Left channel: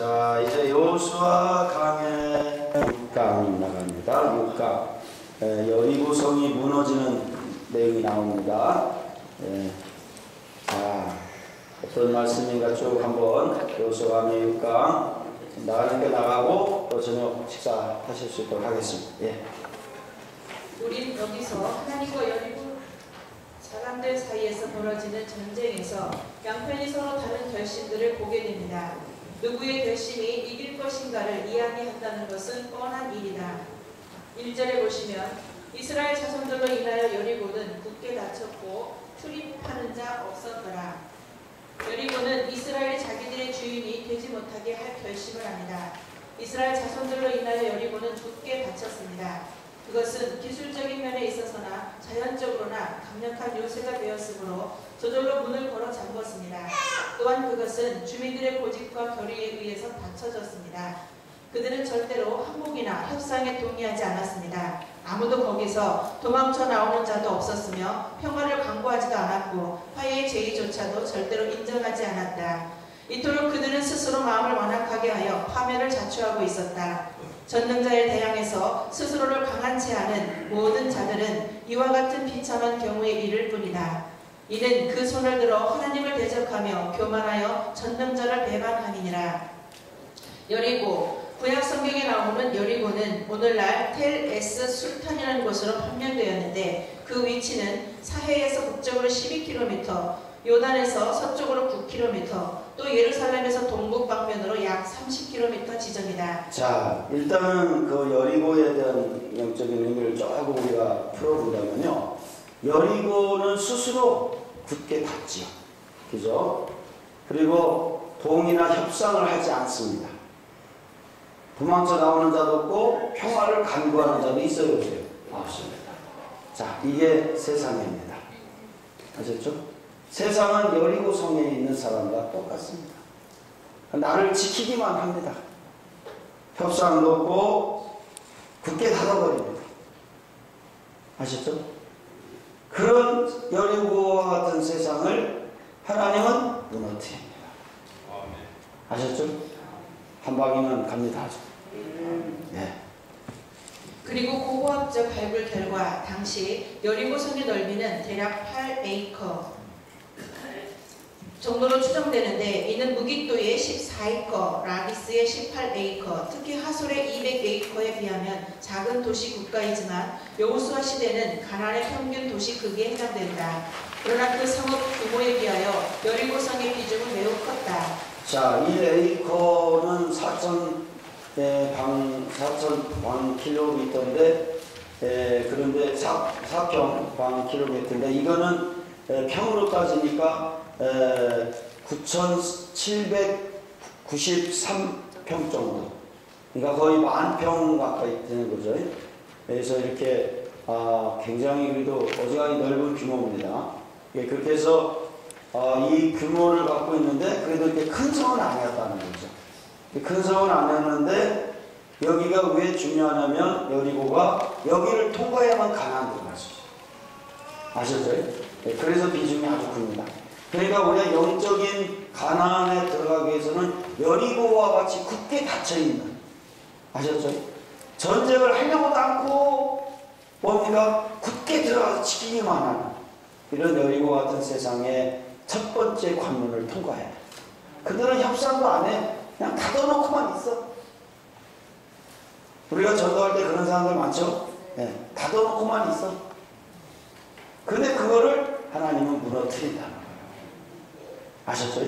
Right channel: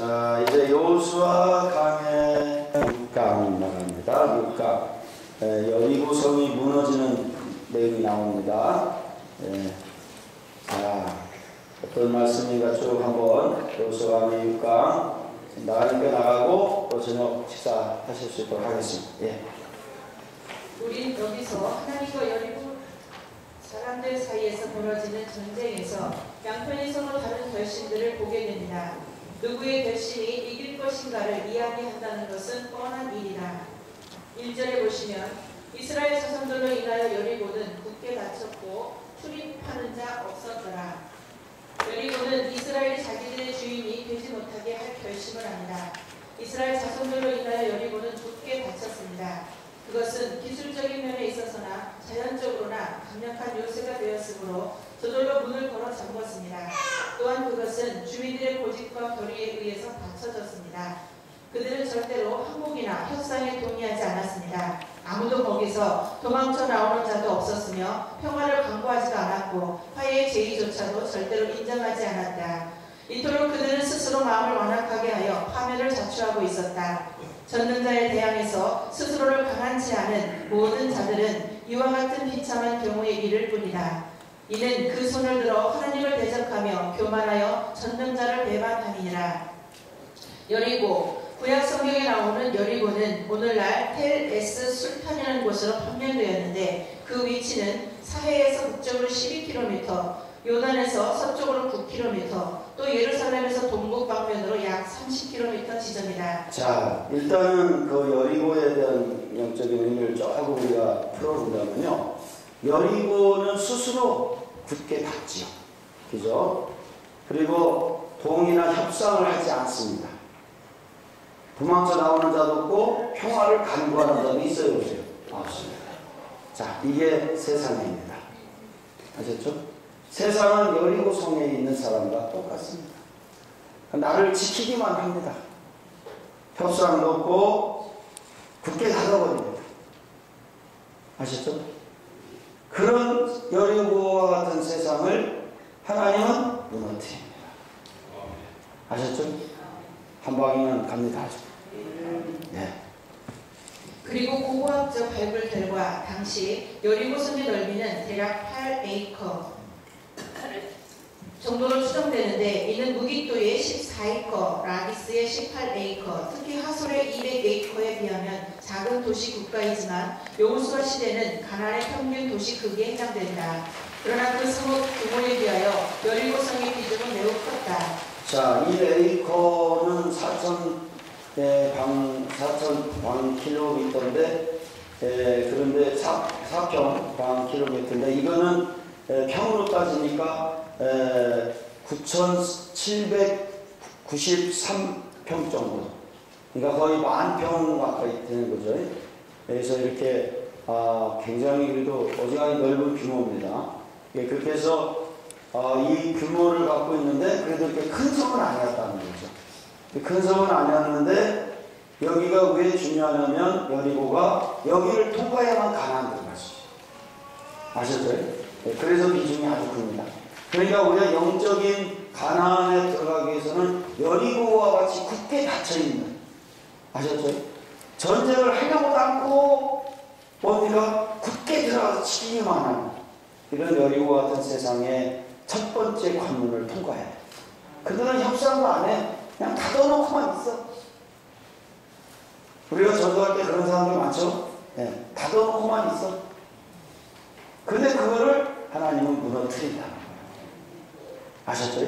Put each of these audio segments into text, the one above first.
자, 이제 여호수아 강의 6강 나갑니다. 6강. 여리고성이 무너지는 내용이 나옵니다. 자, 어떤 말씀인가 쭉 한번 여호수아 강의 6강 나가니까 나가고 또 저녁 식사하실 수 있도록 하겠습니다. 우린 여기서 하나님과 여리고 사람들 사이에서 벌어지는 전쟁에서 양편이 서로 다른 결심들을 보게 됩니다. 누구의 결심이 이길 것인가를 이야기한다는 것은 뻔한 일이다. 1절에 보시면 이스라엘 자손들로 인하여 여리고는 굳게 닫혔고 출입하는 자 없었더라. 여리고는 이스라엘 자기들의 주인이 되지 못하게 할 결심을 합니다. 이스라엘 자손들로 인하여 여리고는 굳게 닫혔습니다. 그것은 기술적인 면에 있어서나 자연적으로나 강력한 요새가 되었으므로 저절로 문을 걸어 잠궜습니다. 또한 그것은 주민들의 고집과 결의에 의해서 닫혀졌습니다. 그들은 절대로 항복이나 협상에 동의하지 않았습니다. 아무도 거기서 도망쳐 나오는 자도 없었으며 평화를 강구하지도 않았고 화해의 제의조차도 절대로 인정하지 않았다. 이토록 그들은 스스로 마음을 완악하게 하여 파멸을 자초하고 있었다. 전능자에 대항해서 스스로를 강한치 않은 모든 자들은 이와 같은 비참한 경우의 일일 뿐이다. 이는 그 손을 들어 하나님을 대적하며 교만하여 전능자를 배반함이니라. 여리고, 구약 성경에 나오는 여리고는 오늘날 텔 에스 술탄이라는 곳으로 판명되었는데 그 위치는 사해에서 북쪽으로 12km, 요단에서 서쪽으로 9km, 또 예루살렘에서 동북 방면으로 약 30km 지점이다. 자, 일단은 그 여리고에 대한 영적인 의미를 조금 우리가 풀어본다면요. 여리고는 스스로 굳게 닫지요. 그죠? 그리고 동의나 협상을 하지 않습니다. 도망쳐 나오는 자도 없고 평화를 간구하는 자도 있어요. 없습니다. 자, 이게 세상입니다. 아셨죠? 세상은 여리고 성에 있는 사람과 똑같습니다. 나를 지키기만 합니다. 협상도 없고 굳게 닫아버립니다. 아시죠? 그런 여리고와 같은 세상을 하나님은 무너뜨립니다. 아셨죠? 한 방이면 갑니다. 네. 그리고 고고학적 발굴 결과 당시 여리고성의 넓이는 대략 8에이커 정도로 추정되는데 이는 무깃도의 14에이커, 라기스의 18에이커, 특히 하솔의 200에이커에 비하면 작은 도시 국가이지만 여호수아 시대는 가나안의 평균 도시 크기에 해당된다. 그러나 그 성읍 규모에 비하여 여리고성의 비중은 매우 컸다. 자, 1에이커는 4,000방킬로미터인데 그런데 4평 방킬로미터인데 이거는 평으로 따지니까 9,793평 정도. 그러니까 거의 10,000평 가까이 되는 거죠. 그래서 이렇게 굉장히 그래도 어지간히 넓은 규모입니다. 그렇게 해서 이 규모를 갖고 있는데 그래도 이렇게 큰 성은 아니었다는 거죠. 큰 성은 아니었는데 여기가 왜 중요하냐면 여리고가 여기를 통과해야만 가나안 들어갈 수 있어요. 아셨죠? 그래서 비중이 아주 큽니다. 그러니까 우리가 영적인 가나안에 들어가기 위해서는 여리고와 같이 굳게 닫혀있는, 아셨죠? 전쟁을 하려고도 않고 뭡니까? 굳게 들어가서 지키기만 하는 이런 여리고 같은 세상의 첫 번째 관문을 통과해야 돼. 그들은 협상도 안 해. 그냥 닫아놓고만 있어. 우리가 전도할 때 그런 사람들 많죠? 네, 닫아놓고만 있어. 근데 그거를 하나님은 무너뜨린다는 거예요. 아셨죠?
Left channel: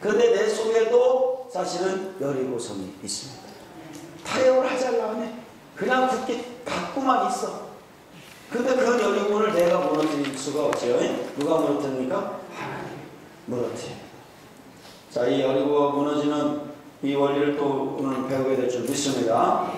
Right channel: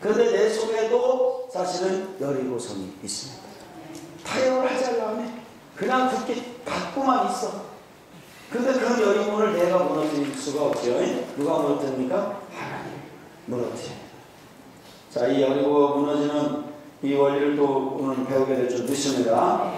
근데 내 속에도 사실은 여리고성이 있습니다. 타협을 하지 않으려고 해. 그냥 굳게 닫고만 있어. 근데 그 여리고를 내가 무너뜨릴 수가 없어요. 누가 무너뜨립니까? 하나님 무너뜨립니다. 자, 이 여리고가 무너지는 이 원리를 또 오늘 배우게 될 줄 믿습니다.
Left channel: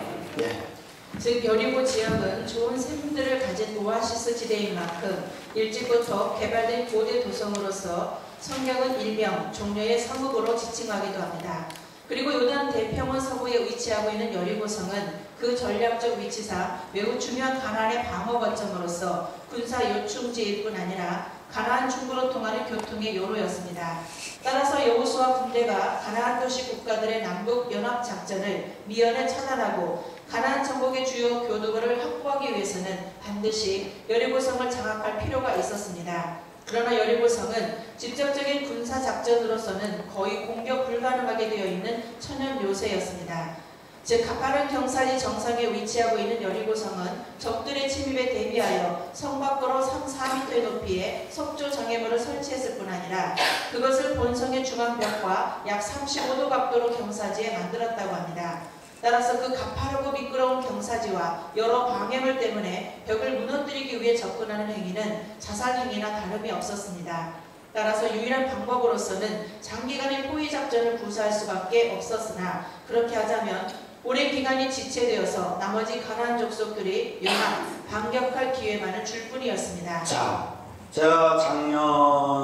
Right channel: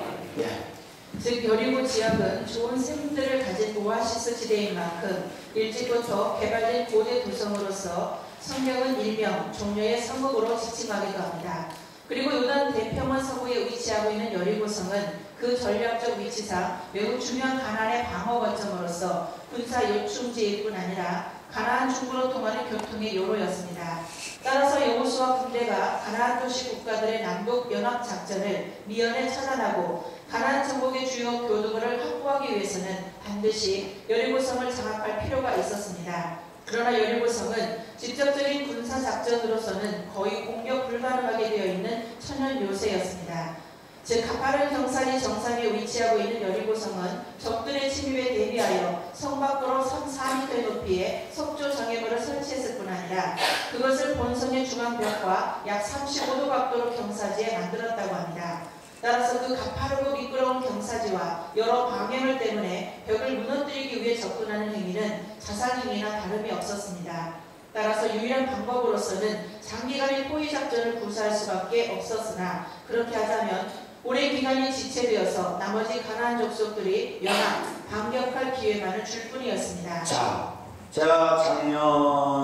즉 여리고 지역은 좋은 샘들을 가진 오아시스 지대인 만큼 일찍부터 개발된 고대 도성으로서 성경은 일명 종려의 성읍으로 지칭하기도 합니다. 그리고 요단 대평원 서부에 위치하고 있는 여리고성은 그 전략적 위치상 매우 중요한 가나안의 방어 거점으로서 군사 요충지일 뿐 아니라 가나안 중부로 통하는 교통의 요로였습니다. 따라서 여호수아 군대가 가나안 도시 국가들의 남북 연합 작전을 미연에 차단하고 가나안 정복의 주요 교두보를 확보하기 위해서는 반드시 여리고성을 장악할 필요가 있었습니다. 그러나 여리고성은 직접적인 군사 작전으로서는 거의 공격 불가능하게 되어 있는 천연 요새였습니다. 즉 가파른 경사지 정상에 위치하고 있는 여리고성은 적들의 침입에 대비하여 성 밖으로 3-4m의 높이의 석조 장애물을 설치했을 뿐 아니라 그것을 본성의 중앙벽과 약 35도 각도로 경사지에 만들었다고 합니다. 따라서 그 가파르고 미끄러운 경사지와 여러 방해물 때문에 벽을 무너뜨리기 위해 접근하는 행위는 자살행위나 다름이 없었습니다. 따라서 유일한 방법으로서는 장기간의 포위 작전을 구사할 수밖에 없었으나 그렇게 하자면 오랜 기간이 지체되어서 나머지 가나안 족속들이 연합, 반격할 기회만을 줄 뿐이었습니다. 자, 제가 작년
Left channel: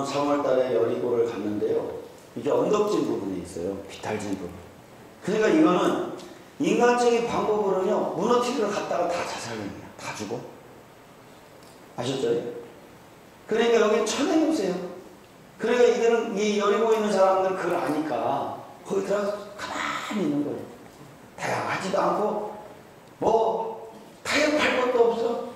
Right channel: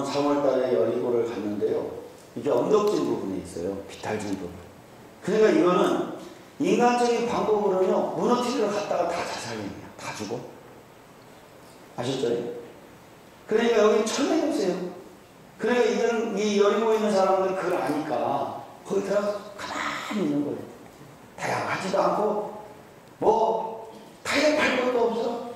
3월달에 여리고를 갔는데요. 이게 언덕진 부분에 있어요. 비탈진 부분. 그러니까 이거는 인간적인 방법으로는요, 무너뜨리러 갔다가 다 자살행위야. 다 죽어. 아셨죠? 그러니까 여기 천행요새요. 그러니까 이거는 이 여리고에 있는 사람들은 그걸 아니까 거기 들어가서 가만히 있는 거예요. 다양하지도 않고 뭐 타협할 것도 없어.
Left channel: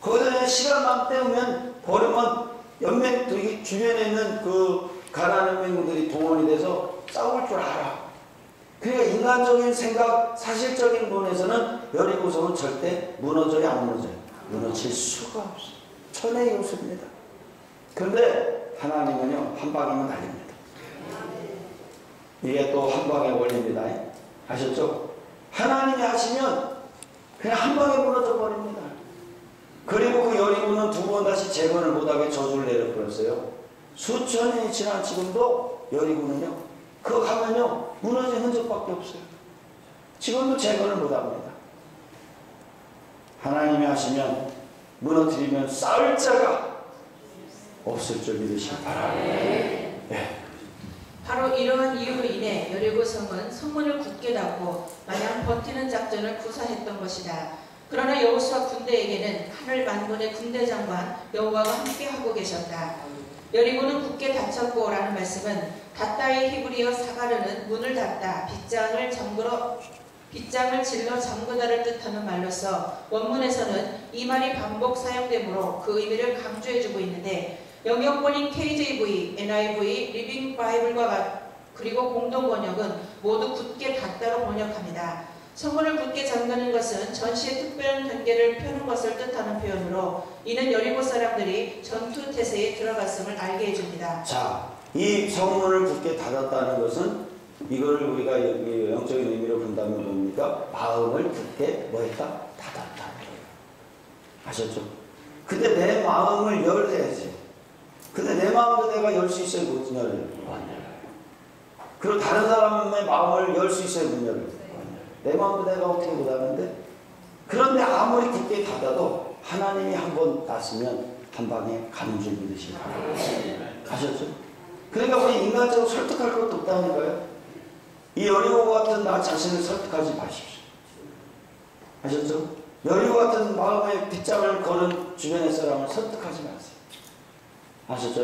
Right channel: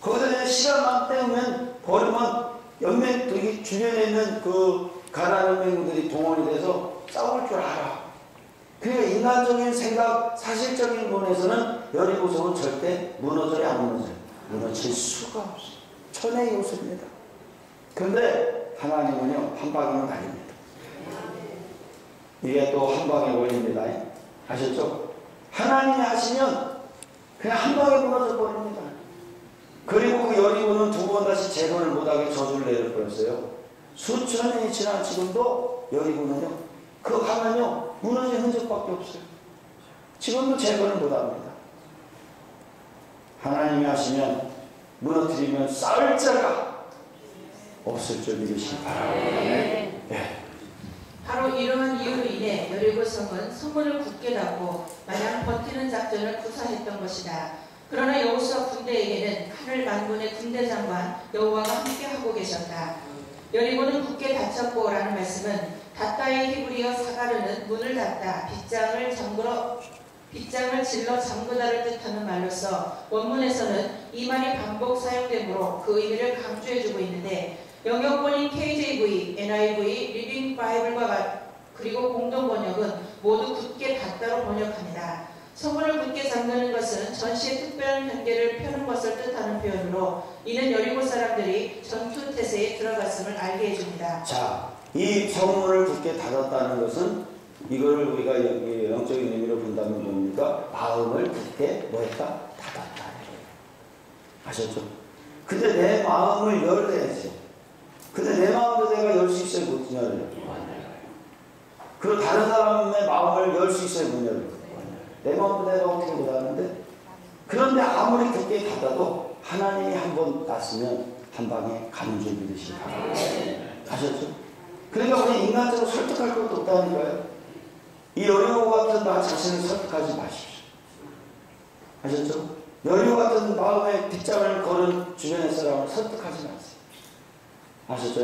거기다 그냥 시간만 때우면 버리면 연맹 주변에 있는 그 가나안 연맹들이 동원이 돼서 싸울 줄 알아. 그러니까 인간적인 생각, 사실적인 면에서는 여리고성은 절대 무너져야 안 무너져요. 무너질 수가 없어. 천의 요소입니다. 그런데 하나님은요, 한 방이면 달립니다. 이게 또 한 방에 걸립니다. 아셨죠? 하나님이 하시면 그냥 한 방에 무너져 버립니다. 그리고 그 여리고는 두 번 다시 재건을 못하게 저주를 내려버렸어요. 수천 년이 지난 지금도 여리고는요, 그거 가면요, 무너진 흔적밖에 없어요. 지금도 재건을 못합니다. 하나님이 하시면 무너뜨리면 쌓을 자가 없을 줄 믿으시기 바랍니다. 네. 바로 이러한 이유로 인해 여리고성은 성문을 굳게 닫고 마냥 버티는 작전을 구사했던 것이다. 그러나 여호수아 군대에게는 하늘 만군의 군대 장관 여호와가 함께하고 계셨다. 여리고는 굳게 닫혔고 라는 말씀은 닫다의 히브리어 사가르는 문을 닫다, 빗장을 질러 잠그다를 뜻하는 말로서 원문에서는 이 말이 반복 사용되므로 그 의미를 강조해주고 있는데 영역본인 KJV, NIV, 리빙 바이블과 그리고 공동 번역은 모두 굳게 닫다로 번역합니다. 성문을 굳게 잠그는 것은 전시의 특별한 경계를 펴는 것을 뜻하는 표현으로 이는 여리고 사람들이 전투 태세에 들어갔음을 알게 해줍니다. 자, 이 성문을 굳게 닫았다는 것은 이걸 우리가 영적인 의미로 본다면 뭡니까? 마음을 굳게 뭐했다? 닫았다. 아셨죠? 근데 내 마음을 열어야지. 근데 내 마음도 내가 열 수 있어야 못 열어요. 그리고 다른 사람의 마음을 열 수 있어야 못 열어요. 내 마음도 내가 어떻게 못하는데? 그런데 아무리 굳게 닫아도 하나님이 한 번 닫으면 한 방에 가는 줄 믿으시기 바랍니다. 아셨죠? 그러니까 우리 인간적으로 설득할 것도 없다니까요. 이 여리고 같은 나 자신을 설득하지 마십시오. 아셨죠? 여리고 같은 마음의 빗장을 걸은 주변의 사람을 설득하지 마세요. 아셨죠?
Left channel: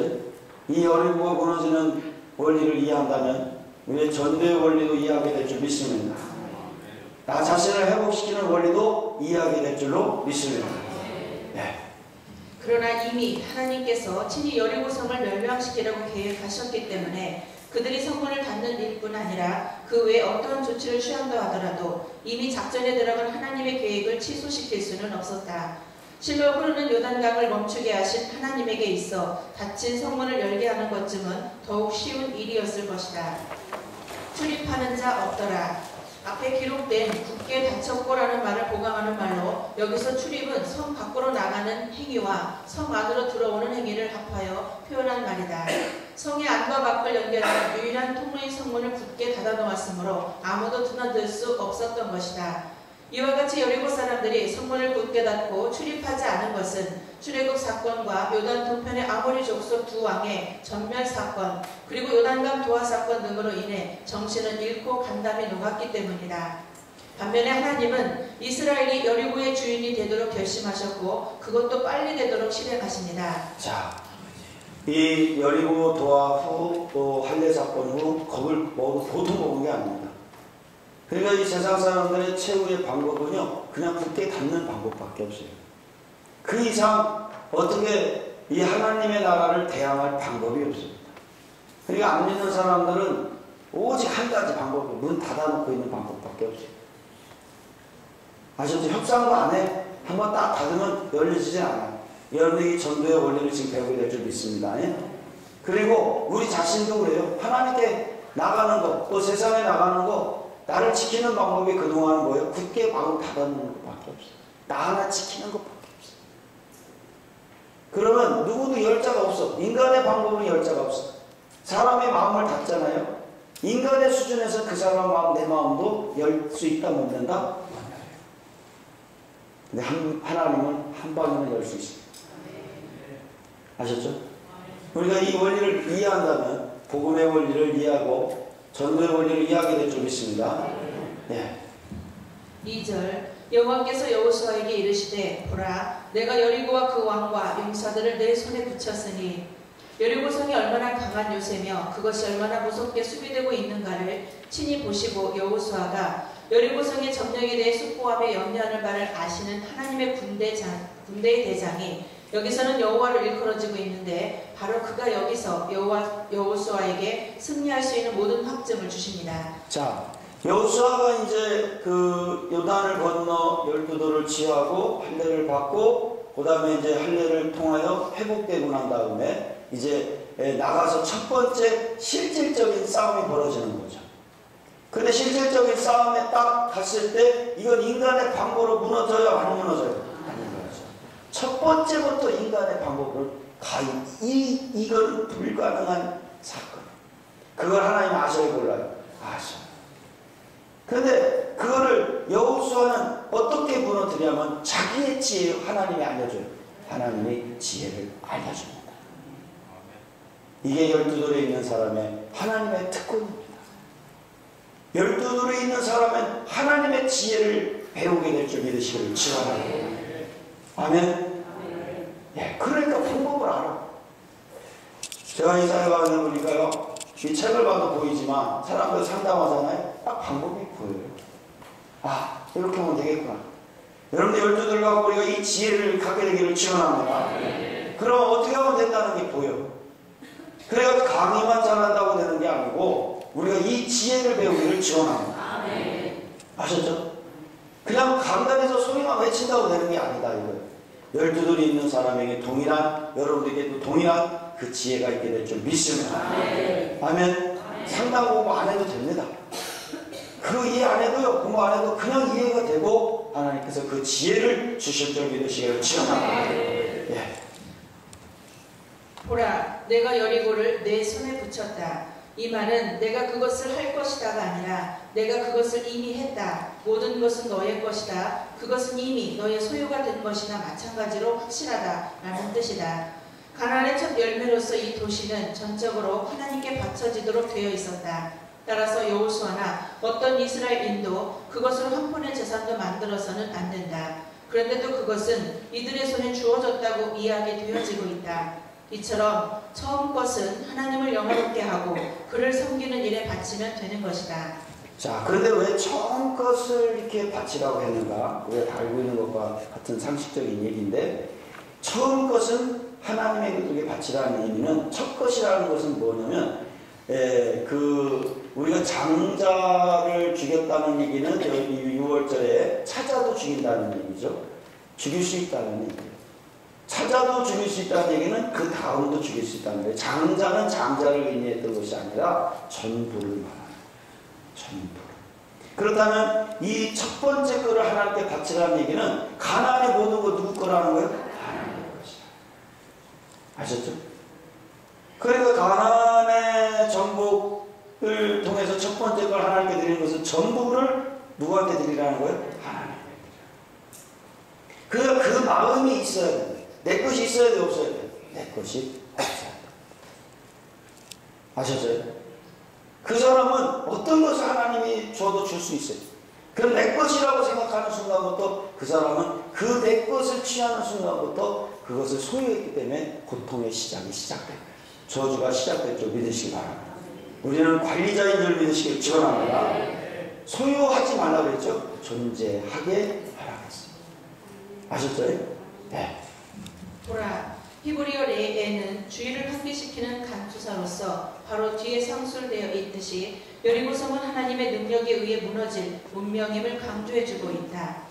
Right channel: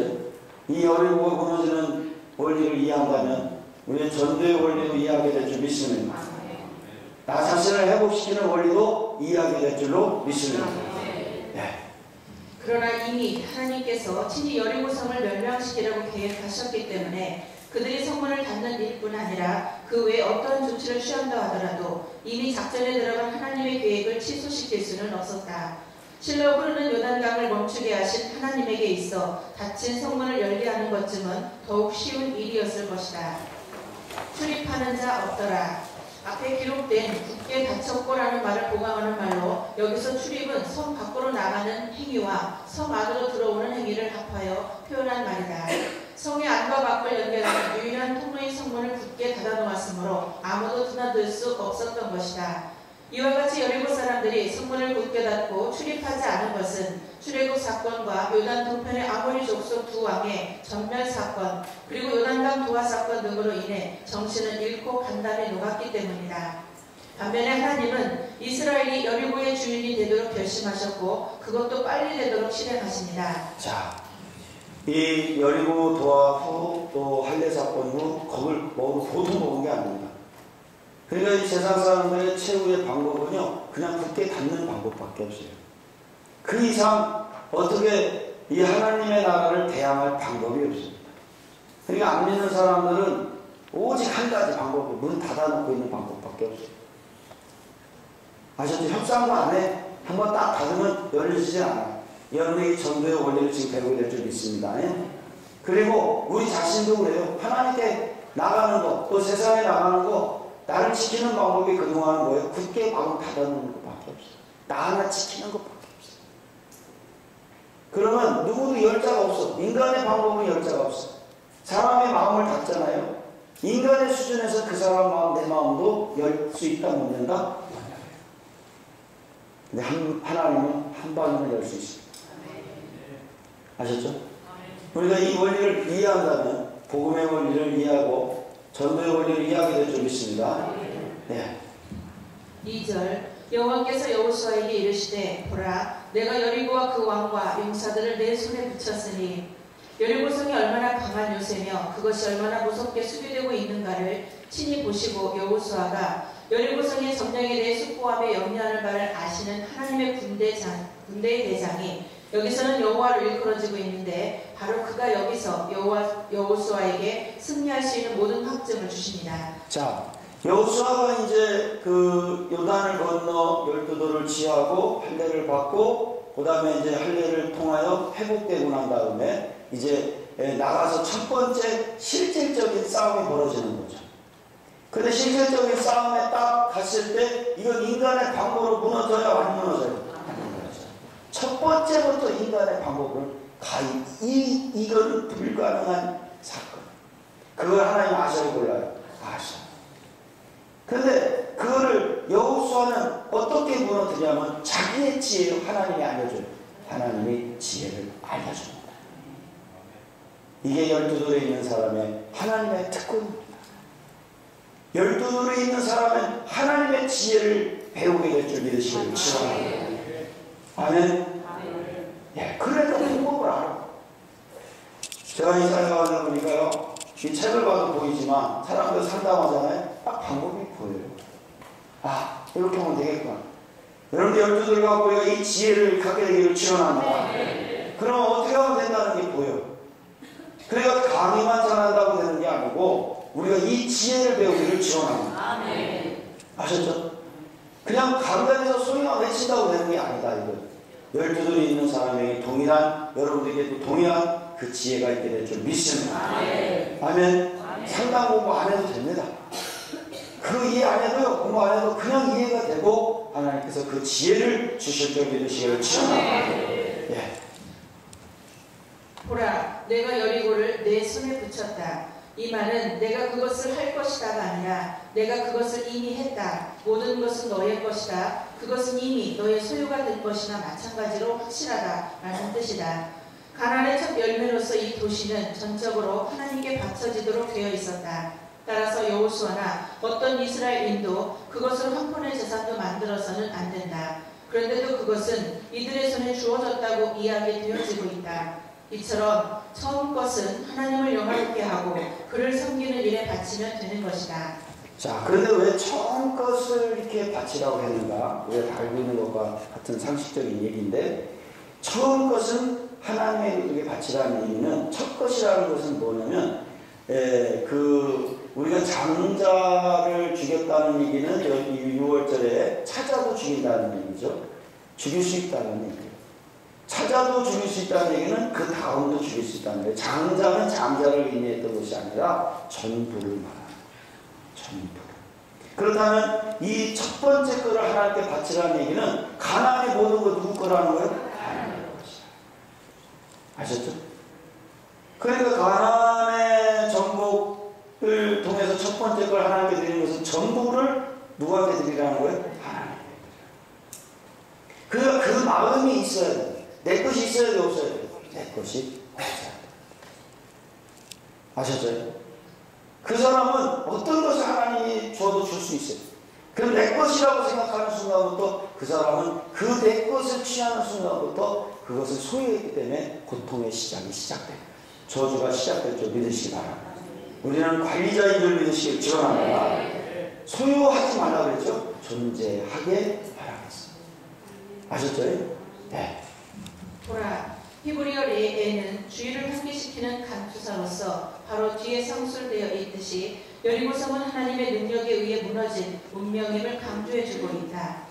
이 여리고가 무너지는 원리를 이해한다면 우리의 전도의 원리도 이해하게 될 줄 믿습니다. 나 자신을 회복시키는 원리도 이해하게 될 줄로 믿습니다. 네. 그러나 이미 하나님께서 친히 여리고성을 멸망시키려고 계획하셨기 때문에 그들이 성문을 닫는 일뿐 아니라 그 외에 어떠한 조치를 취한다 하더라도 이미 작전에 들어간 하나님의 계획을 취소시킬 수는 없었다. 실로 흐르는 요단강을 멈추게 하신 하나님에게 있어 닫힌 성문을 열게 하는 것쯤은 더욱 쉬운 일이었을 것이다. 출입하는 자 없더라. 앞에 기록된 굳게 닫혔고라는 말을 보강하는 말로 여기서 출입은 성 밖으로 나가는 행위와 성 안으로 들어오는 행위를 합하여 표현한 말이다. 성의 안과 밖을 연결하는 유일한 통로인 성문을 굳게 닫아놓았으므로 아무도 드나들 수 없었던 것이다. 이와 같이 여리고 사람들이 성문을 굳게 닫고 출입하지 않은 것은 출애굽 사건과 요단 동편의 아모리 족속 두 왕의 전멸 사건 그리고 요단강 도하 사건 등으로 인해 정신을 잃고 간담에 녹았기 때문이다. 반면에 하나님은 이스라엘이 여리고의 주인이 되도록 결심하셨고 그것도 빨리 되도록 실행하십니다. 자, 이 여리고 도하 후 또 할례 사건 후 겁을 보통 먹은 게 아닙니다. 그러니까 이 세상 사람들의 최후의 방법은요, 그냥 굳게 닫는 방법밖에 없어요. 그 이상 어떻게 이 하나님의 나라를 대항할 방법이 없습니다. 그러니까 안 믿는 사람들은 오직 한 가지 방법이 문 닫아놓고 있는 방법밖에 없어요. 아셨죠? 협상도 안 해. 한번 딱 닫으면 열리지 않아요. 여러분이 전도의 원리를 지금 배우게 될 줄 믿습니다. 그리고 우리 자신도 그래요. 하나님께 나가는 거, 또 세상에 나가는 거, 나를 지키는 방법이 그동안은 뭐예요? 굳게 마음 닫아놓는 것밖에 없어요. 나 하나 지키는 것밖에 없어요. 그러면 누구도 열자가 없어. 인간의 방법은 열자가 없어. 사람의 마음을 닫잖아요. 인간의 수준에서 그 사람 마음, 내 마음도 열 수 있다, 못 연다? 근데 하나님은 한 방이면 열 수 있습니다. 아셨죠? 우리가 이 원리를 이해한다면 복음의 원리를 이해하고 전도의 원리를 이해하게 될 줄 믿습니다. 네. 2절 여호와께서 여호수아에게 이르시되 보라 내가 여리고와 그 왕과 용사들을 내 손에 붙였으니 여리고성이 얼마나 강한 요새며 그것이 얼마나 무섭게 수비되고 있는가를 친히 보시고 여호수아가 여리고성의 점령에 대해 숙고함에 염려하는 바를 아시는 하나님의 군대의 대장이 여기서는 여호와를 일컬어지고 있는데 바로 그가 여기서 여호수아에게 승리할 수 있는 모든 확증을 주십니다. 자, 여호수아가 이제 그 요단을 건너 12도를 취하고 할례를 받고 그 다음에 이제 할례를 통하여 회복되고 난 다음에 이제 나가서 첫 번째 실질적인 싸움이 벌어지는 거죠. 근데 실질적인 싸움에 딱 갔을 때 이건 인간의 방법으로 무너져요? 안 무너져요? 안 무너져요. 첫 번째부터 인간의 방법을 이건 불가능한 사건. 그걸 하나님 아셔야 몰라요? 아셔. 근데 그거를 여호수아는 어떻게 무너뜨리냐면 자기의 지혜로 하나님이 알려줘요. 하나님이 지혜를 알려줍니다. 이게 12돌에 있는 사람의 하나님의 특권입니다. 12돌에 있는 사람은 하나님의 지혜를 배우게 될 줄 믿으시기를 축원합니다. 아멘. 예, 그러니까 방법을 알아. 제가 이 사회 가는 우리가요, 이 책을 봐도 보이지만 사람들 상담하잖아요. 딱 방법이 보여요. 아, 이렇게 하면 되겠구나. 여러분들 12돌 갖고 우리가 이 지혜를 갖게 되기를 축원합니다. 그럼 어떻게 하면 된다는 게 보여. 그래서 강의만 잘한다고 되는 게 아니고 우리가 이 지혜를 배우기를 지원합니다. 아셨죠? 그냥 강단에서 소리만 외친다고 되는 게 아니다. 이거 12돌이 있는 사람에게 동일한, 여러분들에게도 동일한 그 지혜가 있게 될 줄 믿습니다. 아멘. 상담 공부 안 해도 됩니다. 그 이해 안 해도요, 공부 안 해도 그냥 이해가 되고 하나님께서 그 지혜를 주실 줄 믿으시기를 지원합니다. 예. 보라 내가 여리고를 내 손에 붙였다. 이 말은 내가 그것을 할 것이다가 아니라 내가 그것을 이미 했다. 모든 것은 너의 것이다. 그것은 이미 너의 소유가 된 것이나 마찬가지로 확실하다 라는 뜻이다. 가나안의 첫 열매로서 이 도시는 전적으로 하나님께 바쳐지도록 되어 있었다. 따라서 여호수아나 어떤 이스라엘인도 그것을 황혼의 재산도 만들어서는 안 된다. 그런데도 그것은 이들의 손에 주어졌다고 이야기 되어지고 있다. 이처럼 처음 것은 하나님을 영화롭게 하고 그를 섬기는 일에 바치면 되는 것이다. 자, 그런데 왜 처음 것을 이렇게 바치라고 했는가? 우리가 알고 있는 것과 같은 상식적인 얘기인데, 처음 것은 하나님에게 바치라는 의미는, 첫 것이라는 것은 뭐냐면, 우리가 장자를 죽였다는 얘기는 여기 6월절에 찾아도 죽인다는 얘기죠. 죽일 수 있다는 얘기예요. 찾아도 죽일 수 있다는 얘기는 그 다음도 죽일 수 있다는 거예요. 장자는 장자를 의미했던 것이 아니라 전부를 말하는 거예요. 전부를. 그렇다면 이 첫 번째 거를 하나님께 바치라는 얘기는 가나안의 모든 거 누구 거라는 거예요? 하나님의 것이다. 아셨죠? 그러니까 가나안의 정복을 통해서 첫 번째 걸 하나님께 드리는 것은 전부를 누구한테 드리라는 거예요? 하나님께 드리라는 거예요. 그러니까 그 마음이 있어야 돼요. 내 것이 있어야 돼, 없어야 돼? 내 것이 없어야 돼. 아셨어요? 그 사람은 어떤 것을 하나님이 줘도 줄 수 있어요. 그럼 내 것이라고 생각하는 순간부터 그 사람은 그 내 것을 취하는 순간부터 그것을 소유했기 때문에 고통의 시작이 시작돼요. 저주가 시작됐죠. 믿으시기 바랍니다. 우리는 관리자인 줄 믿으시길 축원합니다. 소유하지 말라 그랬죠. 존재하게 하라 그랬어요. 아셨죠? 네. 보라, 히브리어 레에는 주의를 환기시키는 간투사로서 바로 뒤에 상술되어 있듯이 여리고성은 하나님의 능력에 의해 무너진 문명임을 강조해주고 있다.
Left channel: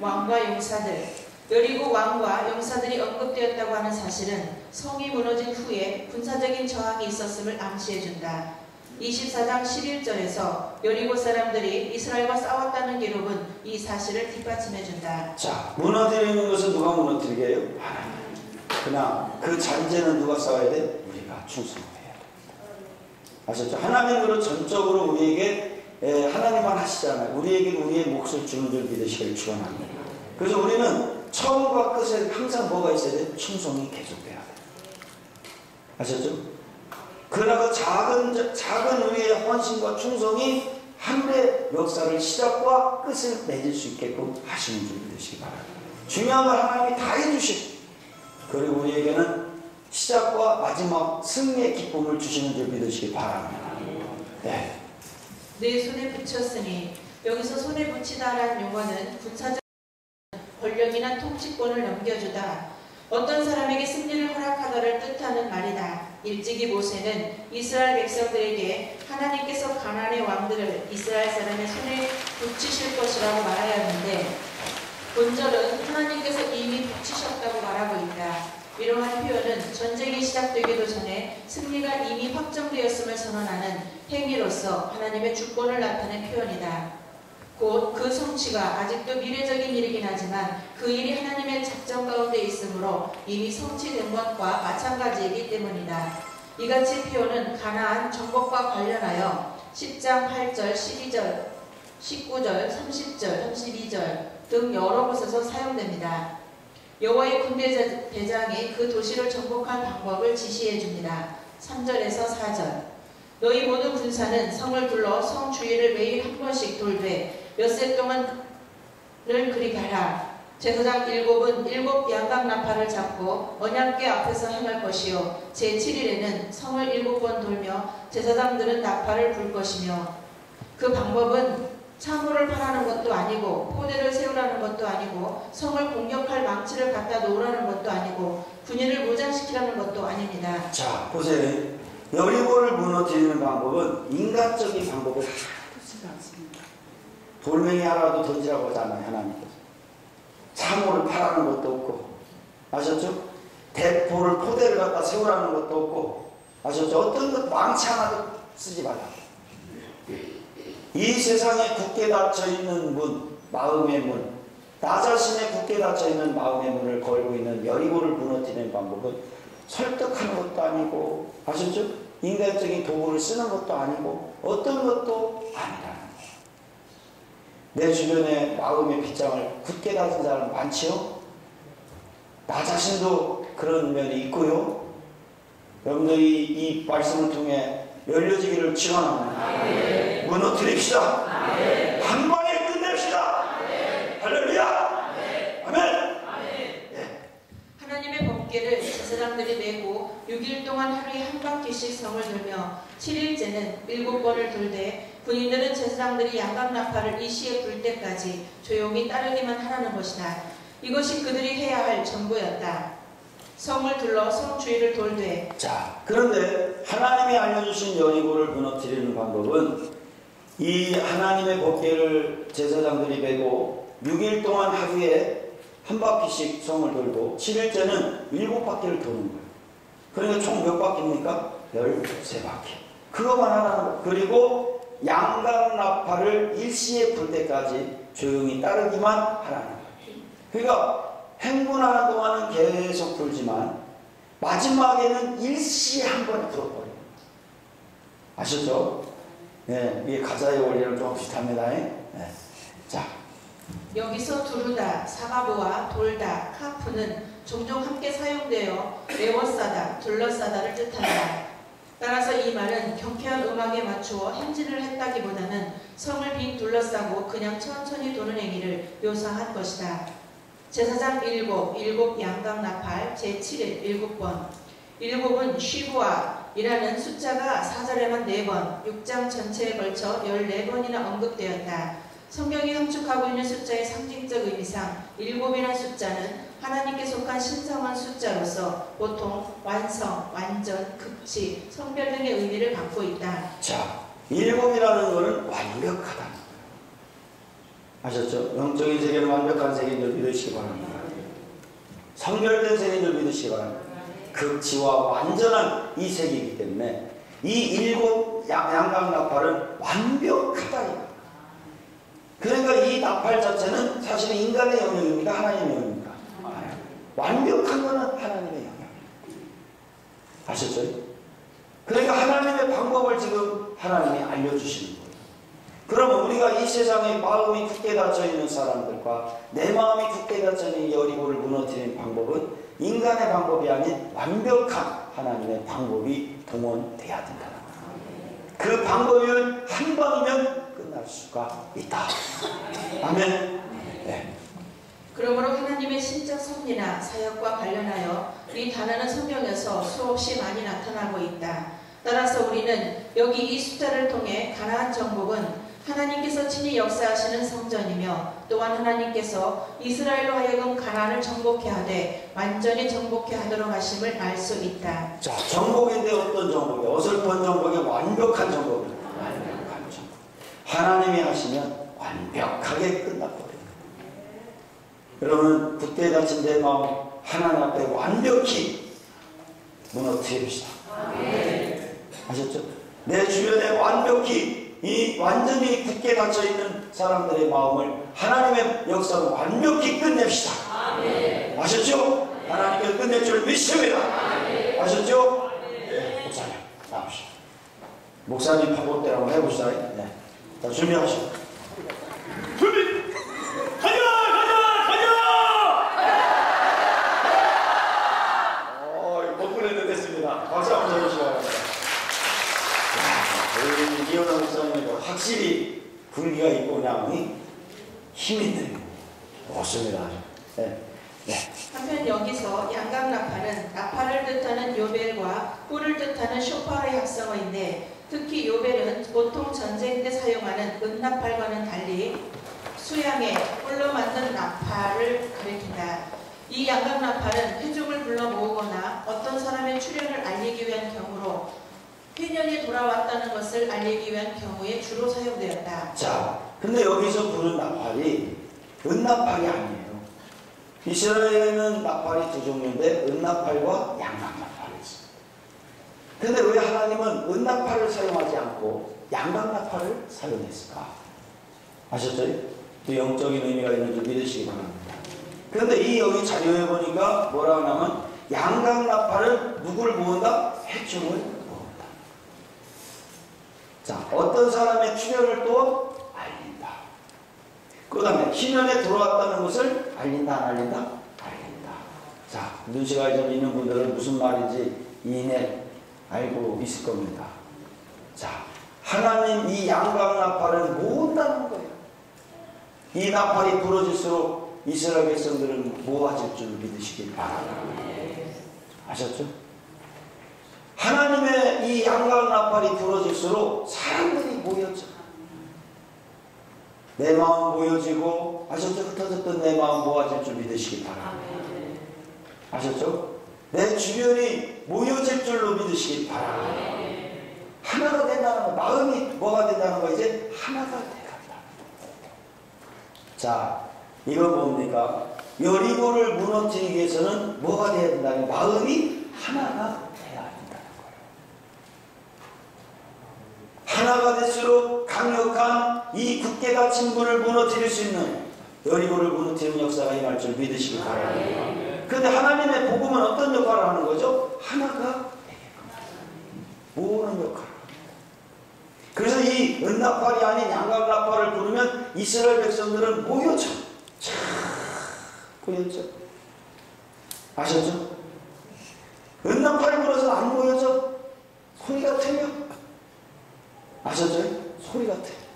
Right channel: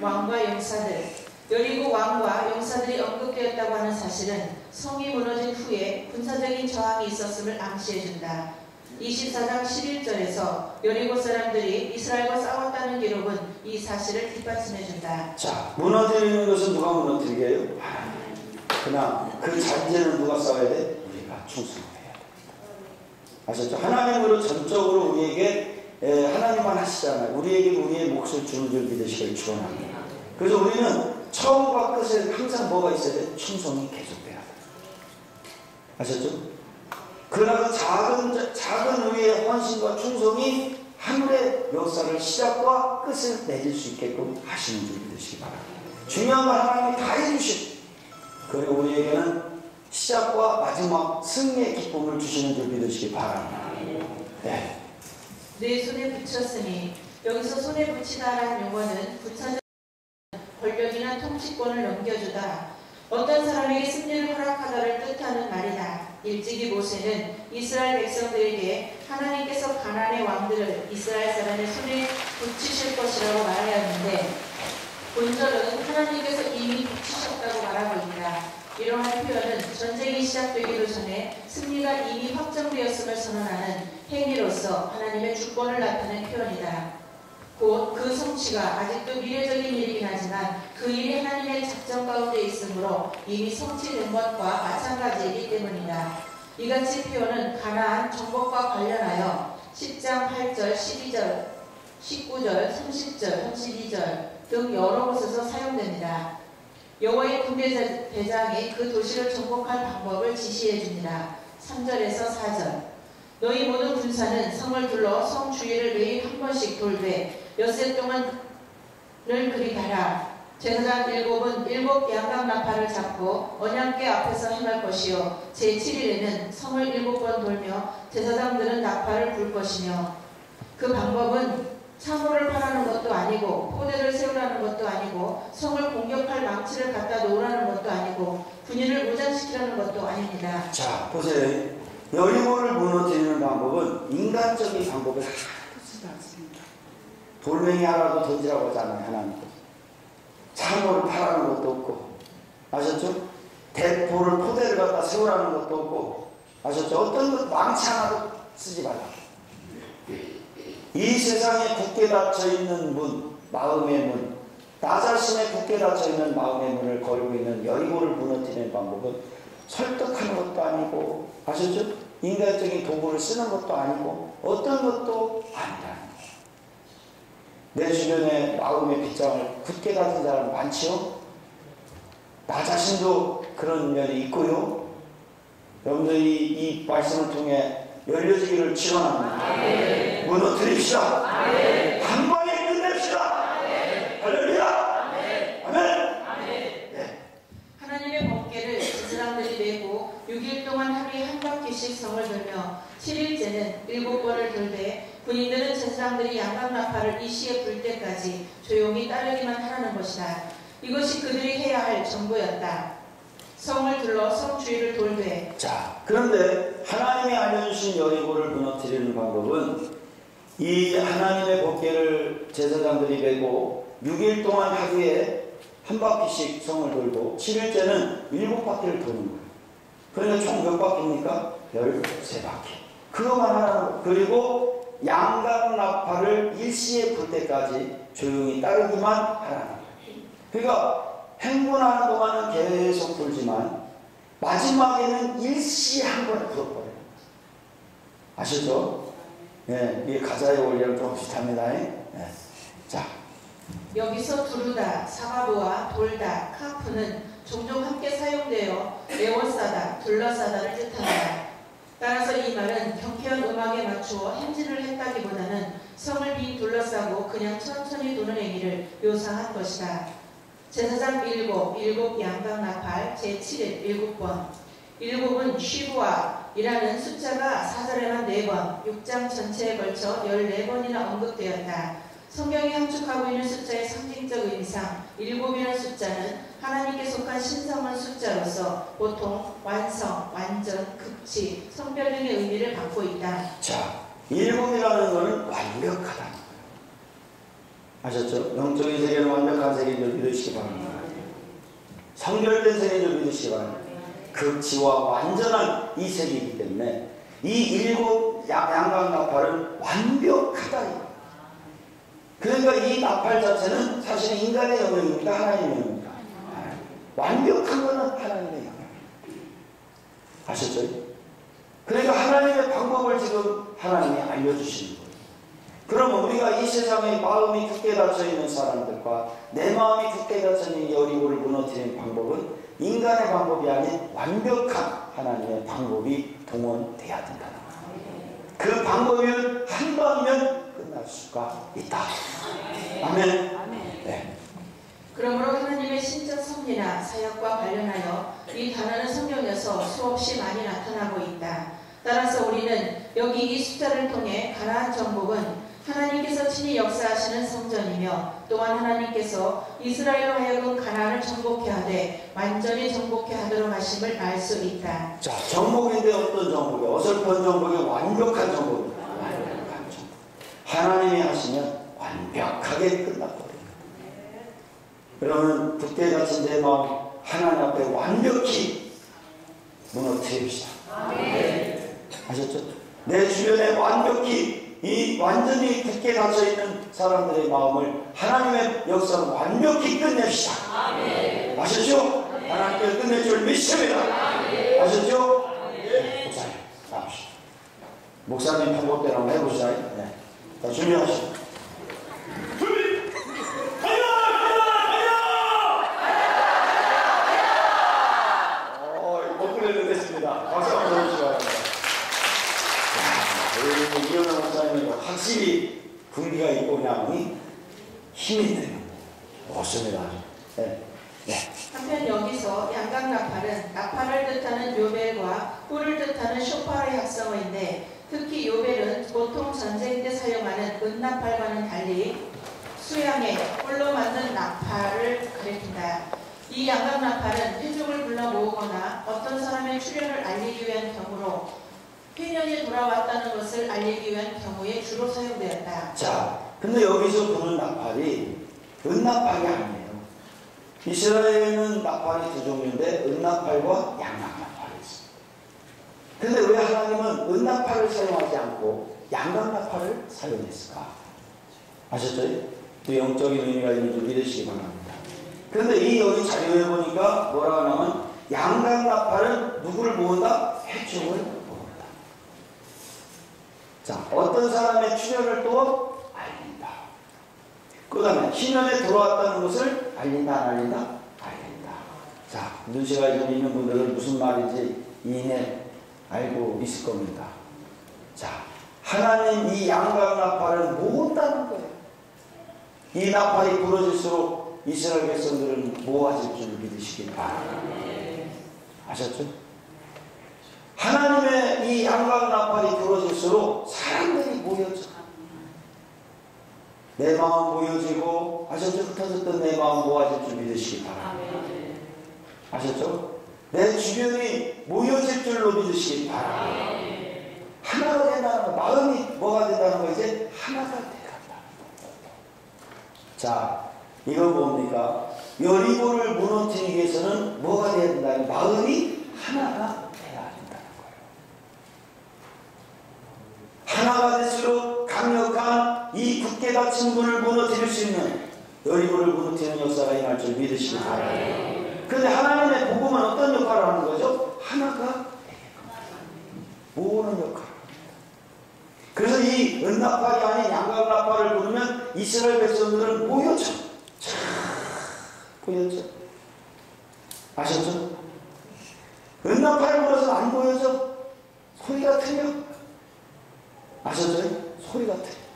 왕과 용사들, 여리고 왕과 용사들이 언급되었다고 하는 사실은 성이 무너진 후에 군사적인 저항이 있었음을 암시해준다. 24장 11절에서 여리고 사람들이 이스라엘과 싸웠다는 기록은 이 사실을 뒷받침해준다. 자, 무너지는 것은 누가 무너뜨리게 해요? 하나님. 그러나 그 잔재는 누가 싸워야 돼? 우리가 충성해야 됩니다. 아셨죠? 하나님으로 전적으로 우리에게 하나님만 하시잖아요. 우리에게도 우리의 몫을 주는 줄 믿으시길 축원합니다. 그래서 우리는 처음과 끝에 항상 뭐가 있어야 돼? 충성이 계속돼야 돼. 아셨죠? 그러나 작은 우리의 헌신과 충성이 하늘의 역사를 시작과 끝을 맺을 수 있게끔 하시는 줄 믿으시기 바랍니다. 중요한 건 하나님이 다 해주시고 그리고 우리에게는 시작과 마지막 승리의 기쁨을 주시는 줄 믿으시기 바랍니다. 네. 내 손에 붙였으니 여기서 손에 붙이다라는 용어는 군사적 권력이나 통치권을 넘겨주다. 어떤 사람에게 승리를 허락하다를 뜻하는 말이다. 일찍이 모세는 이스라엘 백성들에게 하나님께서 가나안의 왕들을 이스라엘 사람의 손에 붙이실 것이라고 말하였는데 본절은 하나님께서 이미 붙이셨다고 말하고 있다. 이러한 표현은 전쟁이 시작되기도 전에 승리가 이미 확정되었음을 선언하는 행위로서 하나님의 주권을 나타낸 표현이다. 곧 그 성취가 아직도 미래적인 일이긴 하지만 그 일이 하나님의 작정 가운데 있으므로 이미 성취된 것과 마찬가지이기 때문이다. 이같이 표현은 가나안 정복과 관련하여 10장 8절, 12절, 19절, 30절, 32절 등 여러 곳에서 사용됩니다. 여호와의 군대 대장이 그 도시를 정복할 방법을 지시해 줍니다. 3절에서 4절 너희 모든 군사는 성을 둘러 성 주위를 매일 한 번씩 돌되 엿새 동안을 그리 가라. 제사장 7은 7 양각 나팔을 잡고 언약궤 앞에서 행할 것이요 제7일에는 성을 7번 돌며 제사장들은 나팔을 불 것이며 그 방법은 참호를 파라는 것도 아니고 포대를 세우라는 것도 아니고 성을 공격할 망치를 갖다 놓으라는 것도 아니고 군인을 무장시키라는 것도 아닙니다. 자, 보세요. 여리고를 무너뜨리는 방법은 인간적인 방법을 하나도 쓰지 않습니다. 돌멩이 하나도 던지라고 하잖아요. 하나님께서. 참호를 파라는 것도 없고 아셨죠? 대포를 포대를 갖다 세우라는 것도 없고 아셨죠? 어떤 것 망치 하나도 쓰지 말라. 이 세상에 굳게 닫혀있는 문, 마음의 문, 나 자신의 굳게 닫혀있는 마음의 문을 걸고 있는 여리고를 무너뜨리는 방법은 설득하는 것도 아니고 아셨죠? 인간적인 도구를 쓰는 것도 아니고 어떤 것도 아니라는 거예요. 내 주변에 마음의 빗장을 굳게 닫은 사람 많지요? 나 자신도 그런 면이 있고요. 여러분들이 이 말씀을 통해 열려지기를 축원합니다. 무너뜨립시다. 한 방에 끝냅시다. 할렐루야. 아멘. 하나님의 법궤를 제사장들이 메고 6일 동안 하루에 한 바퀴씩 성을 돌며 7일째는 7번을 돌되 군인들은 제사장들이 양각 나팔을 이 시에 불 때까지 조용히 따르기만 하라는 것이다. 이것이 그들이 해야 할 전부였다. 성을 둘러 성 주위를 돌되. 자, 그런데 하나님이 알려주신 여리고를 무너뜨리는 방법은 이 하나님의 법궤를 제사장들이 메고 6일 동안 하루에 한 바퀴씩 성을 돌고 7일째는 7바퀴를 도는 거예요. 그러니까 총 몇 바퀴입니까? 13바퀴. 그것만 하라는 거예요. 그리고 양각 나팔을 일시에 불 때까지 조용히 따르기만 하라는 거예요. 그러니까 행군하는 동안은 계속 불지만 마지막에는 일시에 한 번에 불어버려요. 아셨죠? 네, 이게 가자의 원리랑 좀 비슷합니다. 네. 자, 여기서 두르다, 사가보아, 돌다, 카프는 종종 함께 사용되어 에워싸다, 둘러싸다를 뜻한다. 따라서 이 말은 경쾌한 음악에 맞추어 행진을 했다기보다는 성을 빙 둘러싸고 그냥 천천히 도는 행위를 묘사한 것이다. 제사장 일곱 양각 나팔 제7일 7번. 일곱은 쉬부아이라는 숫자가 4절에만 4번, 6장 전체에 걸쳐 14번이나 언급되었다. 성경이 함축하고 있는 숫자의 상징적 의미상 7이라는 숫자는 하나님께 속한 신성한 숫자로서 보통 완성, 완전, 극치, 성별 등의 의미를 갖고 있다. 자, 7이라는 것은 완벽하다. 아셨죠? 영적인 세계는 완벽한 세계인 줄 믿으시기 바랍니다. 성별된 세계인 줄 믿으시기 바랍니다. 극치와 완전한 이 세계이기 때문에 이 7 양각 나팔은 완벽하다. 그러니까 이 나팔 자체는 사실은 인간의 영역입니까? 하나님의 영역입니까? 완벽한 것은 하나님의 영역입니다. 아셨죠? 그러니까 하나님의 방법을 지금 하나님이 알려주시는 거예요. 그러면 우리가 이 세상에 마음이 굳게 닫혀있는 사람들과 내 마음이 굳게 닫혀있는 여리고를 무너뜨리는 방법은 인간의 방법이 아닌 완벽한 하나님의 방법이 동원돼야 된다는 거예요. 그 방법이면 한 방이면 끝날 수가 있다. 아멘. 네. 그러므로 하나님의 신적 섭리나 사역과 관련하여 이 단어는 성경에서 수없이 많이 나타나고 있다. 따라서 우리는 여기 이 숫자를 통해 가나안 정복은 하나님께서 친히 역사하시는 성전이며 또한 하나님께서 이스라엘로 하여금 가나안을 정복해 하되 완전히 정복해 하도록 하심을 알 수 있다. 자, 정복인데 어떤 정복이? 어설픈 정복이 완벽한 정복입니다. 완벽한 정복. 하나님이 하시면 완벽하게 끝났거든요. 그러면 굳게 닫힌 내 마음 하나님 앞에 완벽히 무너뜨립시다. 아셨죠? 내 주변에 완벽히 이 완전히 굳게 닫혀있는 사람들의 마음을 하나님의 역사로 완벽히 끝냅시다. 아셨죠? 하나님께서 끝낼 줄 믿습니다. 아셨죠? 네, 목사님 나오시죠. 목사님 방법대로 한번 해봅시다. 네. 자, 준비하시고 준비! 가자! 목소리를 냈습니다. 박수 한번 쳐주시기 바랍니다. 우리 이영환 목사님이 확실히 분기가 있고 그냥 힘이 있네요. 좋습니다. 네. 네. 한편 여기서 양각 나팔은 나팔을 뜻하는 요벨과 뿔을 뜻하는 쇼파르의 합성어인데 특히 요벨은 보통 전쟁 때 사용하는 은나팔과는 달리 수양의 뿔로 만든 나팔을 가리킨다. 이 양각 나팔은 회족을 불러 모으거나 어떤 사람의 출현을 알리기 위한 경우로 회년이 돌아왔다는 것을 알리기 위한 경우에 주로 사용되었다. 자, 근데 여기서 부른 나팔이 은나팔이 아니에요. 이스라엘에는 나팔이 두 종류인데 은나팔과 양각 나팔이 있습니다. 근데 왜 하나님은 은나팔을 사용하지 않고 양각 나팔을 사용했을까? 아셨죠? 또 영적인 의미가 있는 줄 믿으시기 바랍니다. 그런데 이 여기 자료에 보니까 뭐라 하냐면 양각 나팔은 누구를 모은다? 회중을 모은다. 자, 어떤 사람의 출현을 또 알린다. 그 다음에 희년에 들어왔다는 것을 알린다, 안 알린다? 알린다. 자, 눈시가 좀 있는 분들은 무슨 말인지 이내 알고 있을 겁니다. 자, 하나님 이 양각 나팔을 모은다는 거예요. 이 나팔이 부러질수록 이스라엘 백성들은 모아질 줄 믿으시기 바랍니다. 아셨죠? 하나님의 이 양각 나팔이 부러질수록 사람들이 모여져. 내 마음 모여지고, 아셨죠? 흩어졌던 내 마음 모아질 줄 믿으시기 바랍니다. 아셨죠? 내 주변이 모여질 줄로 믿으시기 바랍니다. 하나가 된다는 거, 마음이 뭐가 된다는 거, 이제 하나가 돼간다. 자, 이건 뭡니까? 여리고를 무너뜨리기 위해서는 뭐가 돼야 된다는 마음이 하나가 돼야 된다는 거예요. 하나가 될수록 강력한 이 굳게 닫힌 문을 무너뜨릴 수 있는 여리고를 무너뜨리는 역사가 임할 줄 믿으시기 바랍니다. 그런데 하나님의 복음은 어떤 역할을 하는 거죠? 하나가 되게끔 모으는 역할을 합니다. 그래서 이 은나팔이 아닌 양각 나팔을 부르면 이스라엘 백성들은 모여져. 보였죠? 아셨죠? 은나팔이 불어서 안 보여져? 소리 같아요. 아셨죠? 소리 같아요.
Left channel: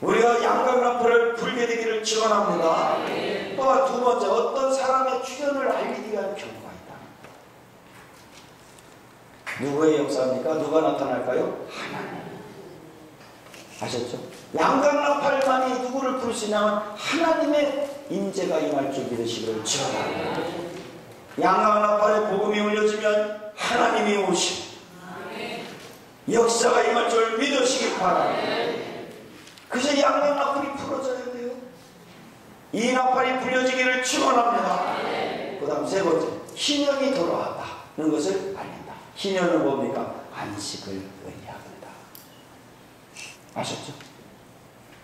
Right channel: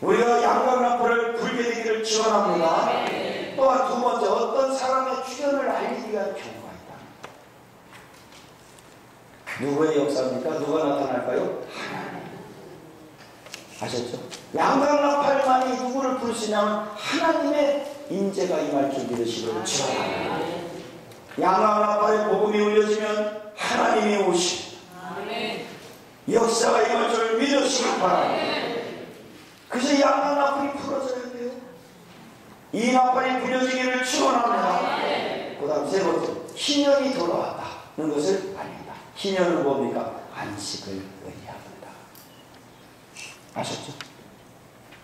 우리가 양강나팔을 불게 되기를 축원합니다. 또한 두 번째, 어떤 사람의 출현을 알리기 위한 경우가 있다. 누구의 역사입니까? 누가 나타날까요? 하나님. 아셨죠? 양강나팔만이 누구를 부를 수 있냐면 하나님의 임재가 임할 줄 믿으시기를 축원합니다. 양강나팔의 복음이 울려지면 하나님이 오시고 역사가 임할 줄 믿으시기 바랍니다. 그래서 양강나팔이 풀어져야 돼요. 이 나팔이 불려지기를 축원합니다. 그 다음 세 번째, 희년이 돌아왔다는 것을 알린다. 희년은 뭡니까? 안식을 의미합니다. 아셨죠?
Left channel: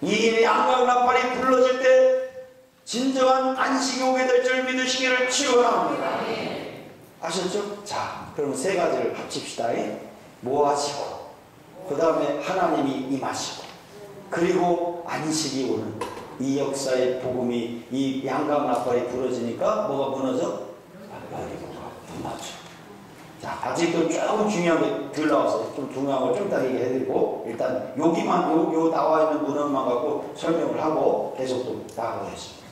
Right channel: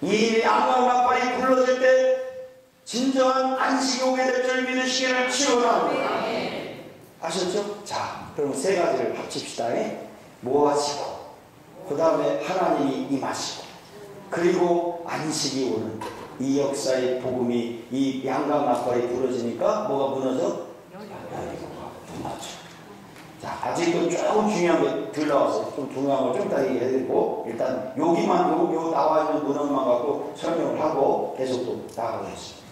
이 양강나팔이 불러질 때 진정한 안식이 오게 될 줄 믿으시기를 축원합니다. 아셨죠? 자, 그럼 세 가지를 합칩시다. 모아지고, 그 다음에 하나님이 임하시고, 그리고 안식이 오는 이 역사의 복음이 이 양강나팔이 부러지니까 뭐가 무너져? 여리고가 무너져. 자, 아직도 조금 중요한 게 덜 나왔어요. 좀 중요한 걸 좀 이따 얘기해드리고, 일단 여기만 요 나와 있는 문헌만 갖고 설명을 하고 계속 또 나가보겠습니다.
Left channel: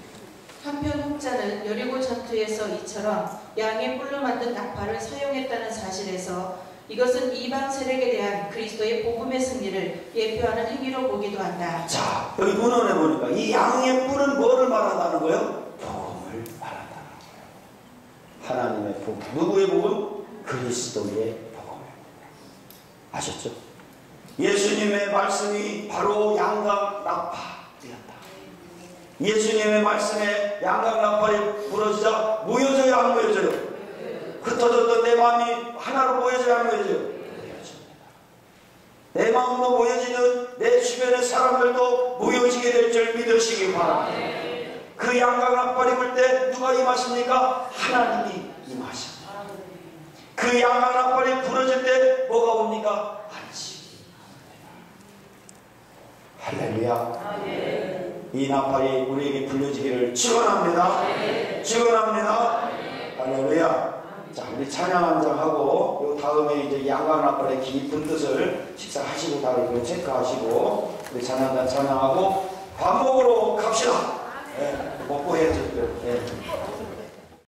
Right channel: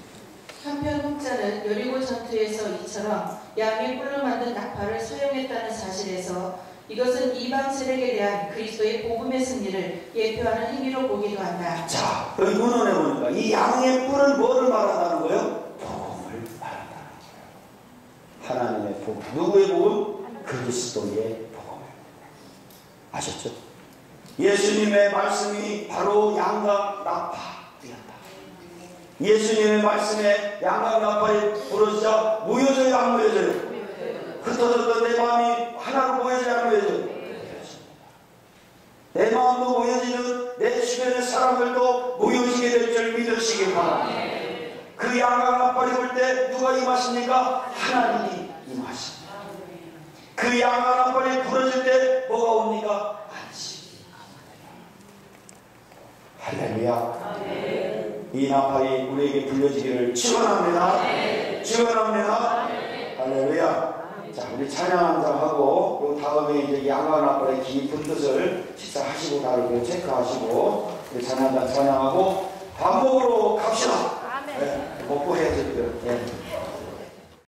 한편 혹자는 여리고 전투에서 이처럼 양의 뿔로 만든 나팔을 사용했다는 사실에서 이것은 이방 세력에 대한 그리스도의 복음의 승리를 예표하는 행위로 보기도 한다. 자, 여기 문헌에 보니까 이 양의 뿔은 뭐를 말한다는 거예요? 복음을 말한다는 거예요. 하나님의 복음. 누구의 복음? 그리스도의 복음을. 아셨죠? 예수님의 말씀이 바로 양강나팔이었다. 예수님의 말씀에 양강나팔이 부러지자 무효져요, 안 무효져요? 흩어졌던 내 마음이 하나로 모여져야 안 모여져요? 내 마음도 모여지는 내 주변의 사람들도 모여지게 될 줄 믿으시기 바랍니다. 그 양강나팔이 불 때 누가 임하십니까? 하나님이 임하십니다. 그 양강나팔이 부러질 때 뭐가 옵니까? 안식이 옵니다. 할렐루야. 이 나팔이 우리에게 불려지기를 축원합니다. 축원합니다. 할렐루야. 자, 우리 찬양 한장 하고, 요 다음에 이제 양강나팔의 깊은 뜻을 식사하시고 다르고 체크하시고, 우리 찬양 한장 찬양하고, 밥 먹으러 갑시다. 네, 먹고 해야죠. 네.